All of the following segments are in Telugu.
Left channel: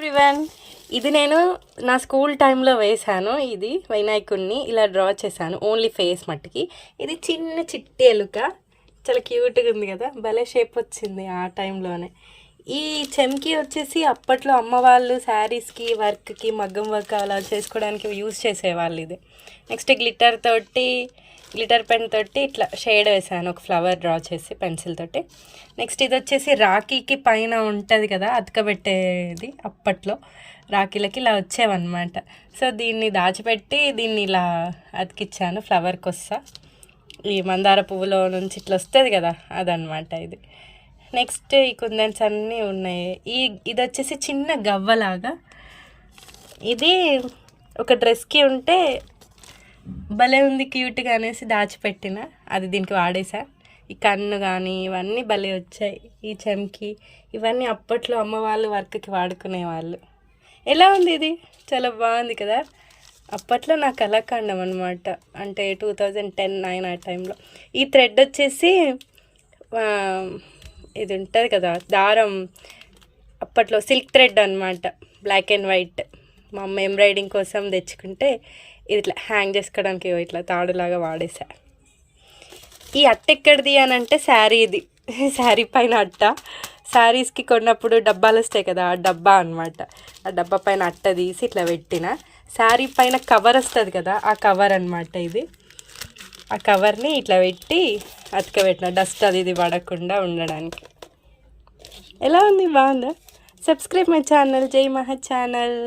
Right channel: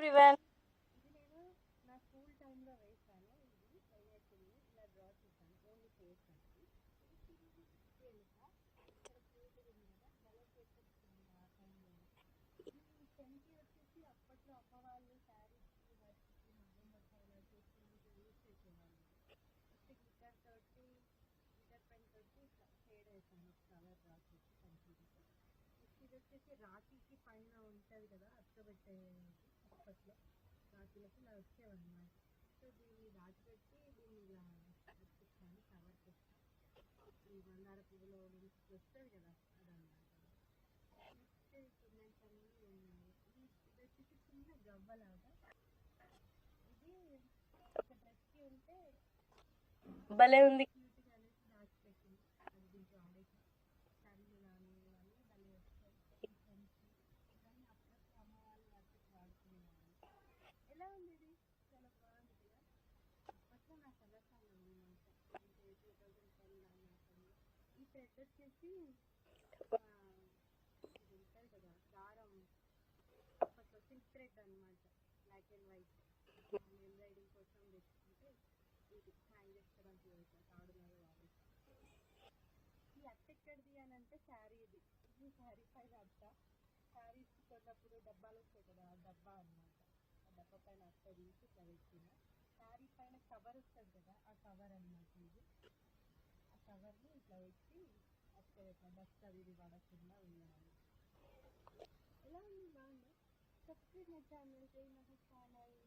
ఎవ్రీవన్, ఇది నేను నా స్కూల్ టైంలో వేశాను. ఇది వినాయకుడిని ఇలా డ్రా చేశాను, ఓన్లీ ఫేస్ మట్టికి. ఇది చిన్న చిట్టి ఎలుక, చాలా క్యూట్గా ఉంది కదా, భలే షేప్ వచ్చింది ఆ టైంలోనే. ఈ చెమ్కి వచ్చేసి అప్పట్లో అమ్మ వాళ్ళు శారీస్కి వర్క్కి మగ్గం వర్క్ అలా చేసుకోవడానికి యూజ్ చేసేవాళ్ళు. ఇది నెక్స్ట్ గ్లిటర్ పెన్ తోటి ఇట్లా షేడ్ వేసాను, ఒక ఫ్లవర్ డ్రా చేసి పెన్సిల్ తోటి. నెక్స్ట్ ఇది వచ్చేసి రాఖీకి పైన ఉంటుంది కదా అతకబెట్టేది, అప్పట్లో రాఖీలకి ఇలా వచ్చేవన్నమాట. సో దీన్ని దాచిపెట్టి దీన్ని ఇలా అతికిచ్చాను, ఫ్లవర్కి వస్తా. ఈ మందార పువ్వులో నుంచి ఇట్లా వస్తుంది కదా, అదనమాట ఇది. నెక్స్ట్ ఈ కుందన్స్ అన్నీ ఉన్నాయి. ఇది వచ్చేసి చిన్న గవ్వలాగా, ఇది ఒక డ్రెస్కి ఉంటే భలే ఉంది క్యూట్గా అనేసి దాచిపెట్టిన, అది దీనికి వాడేసా. ఈ కన్ను కానీ ఇవన్నీ భలే వచ్చాయి. ఈ చెంకి ఇవన్నీ అప్పట్లో అమ్మ వాళ్ళు వర్క్కి వాడుకునేవాళ్ళు. ఎలా ఉంది ఇది? చాలా బాగుంది కదా. అప్పట్లో నా కళాఖండం అనమాట, అంటే 2010-9 ఆ టైంలో. ఈ థ్రెడ్ వచ్చేసి ఇది ఉంటుంది కదా దారం, అప్పట్లో సిల్క్ థ్రెడ్ అనమాట, బ్లాక్ అండ్ వైట్. మా అమ్మ ఎంబ్రాయిడింగ్ కోసం తెచ్చుకుంటే ఇది ఇట్లా హ్యాంగ్ చేసుకోవడానికి ఇట్లా తాడులాగా వాడేసా. ఈ అట్ట ఎక్కడిది అని అంటే శారీది, శారీ పైన అట్ట. శారీస్కి కొన్నప్పుడు డబ్బాలు వస్తాయి కదా, ఆ డబ్బా అనమాట. ఆ డబ్బా పైన అట్ట తీసి ఇట్లా పెట్టిన. శారీ పైన కవర్ వస్తుంది కదా, ఆ కవర్ అనమాట ఇది. ఆ కవర్ని ఇట్లా పెట్టి అతకబెట్టిన, డస్ట్ అది ఇది పడకుండా ఉండడానికి. ఎలా ఉంది? బాగుందా? సబ్స్క్రైబ్ మై ఛానల్, జై మహా ఛానల్.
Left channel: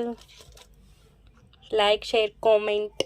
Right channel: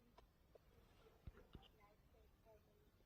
Like, share, comment.